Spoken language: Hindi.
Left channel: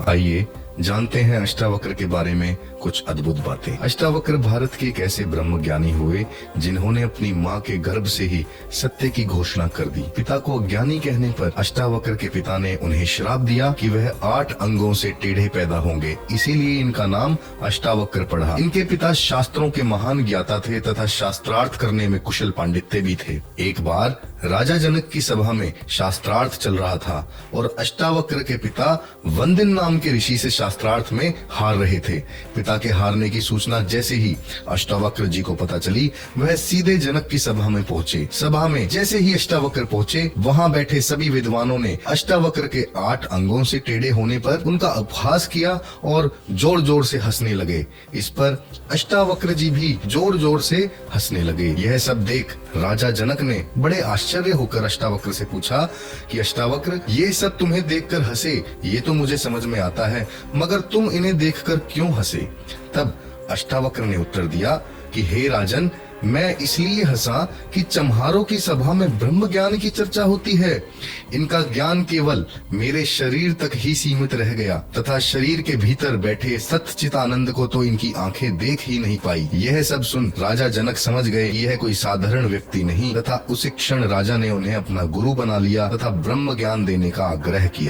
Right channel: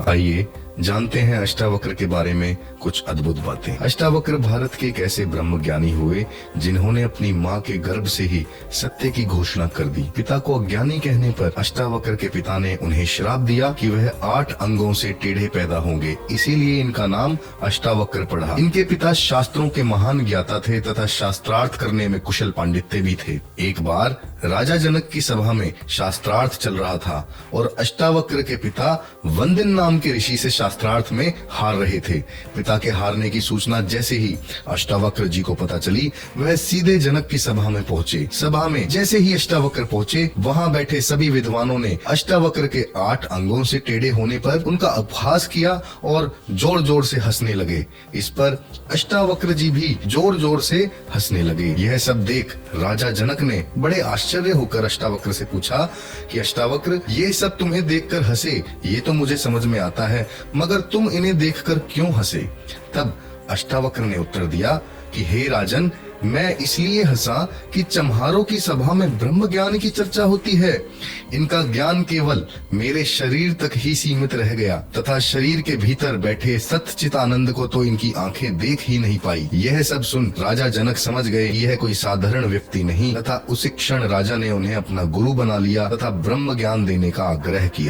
आइए जानते हैं अष्टावक्र के बारे में कुछ अद्भुत बातें। अष्टावक्र भारत के एक ऐसे ब्रह्म ज्ञानी हुए जिन्होंने अपनी माँ के गर्भ से ही सत्य की घोषणा कर दी। पिता को अज्ञानी कहने पर अष्टावक्र के पिता ने उन्हें श्राप दिया कि वह 8 अंगों से टेढ़े पैदा होंगे, इसीलिए इनका नाम अष्टावक्र पड़ा। इनके पिता शास्त्रों के महान ज्ञाता थे तथा शास्त्रार्थ करने में कुशल पांडित्य भी थे। एक बार राजा जनक की सभा में शास्त्रार्थ चल रहा था और अष्टावक्र के पिता वंदिन नाम के ऋषि से शास्त्रार्थ में हार रहे थे। पिता के हारने की सूचना जैसे ही अष्टावक्र जी को पता चली, वह सीधे जनक की सभा में पहुंचे। सभा में जैसे ही अष्टावक्र पहुंचे, वहां बैठे सभी विद्वानों ने अष्टावक्र के 8 अंगों से टेढ़े होने पर उनका उपहास किया और जोर जोर से हंसने लगे। इस पर अष्टावक्र जी भी जोर जोर से हंसने लगे। यह सब देख राजा जनक ने बड़े आश्चर्य होकर अष्टावक्र से पूछा कि अष्टावक्र, ये सब तुम्हें देखकर हंसे ये तो मुझे समझ में आता है, मगर तुम इन्हें देखकर क्यों हंसे? तब अष्टावक्र ने उत्तर दिया कि हे राजन, मैं इसलिए हंसा कि चम्हारों की सभा में ब्रह्म ज्ञान की चर्चा होती है। इनका ज्ञान केवल मेरे शरीर तक ही सीमित रह गया तथा शरीर के भीतर बैठे सच्चित आनंद को तो इनकी आंखें देख ही नहीं पाई। यह सब सुन राजा जनक समझ गए यह कोई साधारण व्यक्ति नहीं तथा उसी क्षण राजा ने उन्हें अपना गुरु बना लिया तथा ब्रह्म ज्ञान देने का आग्रह किया।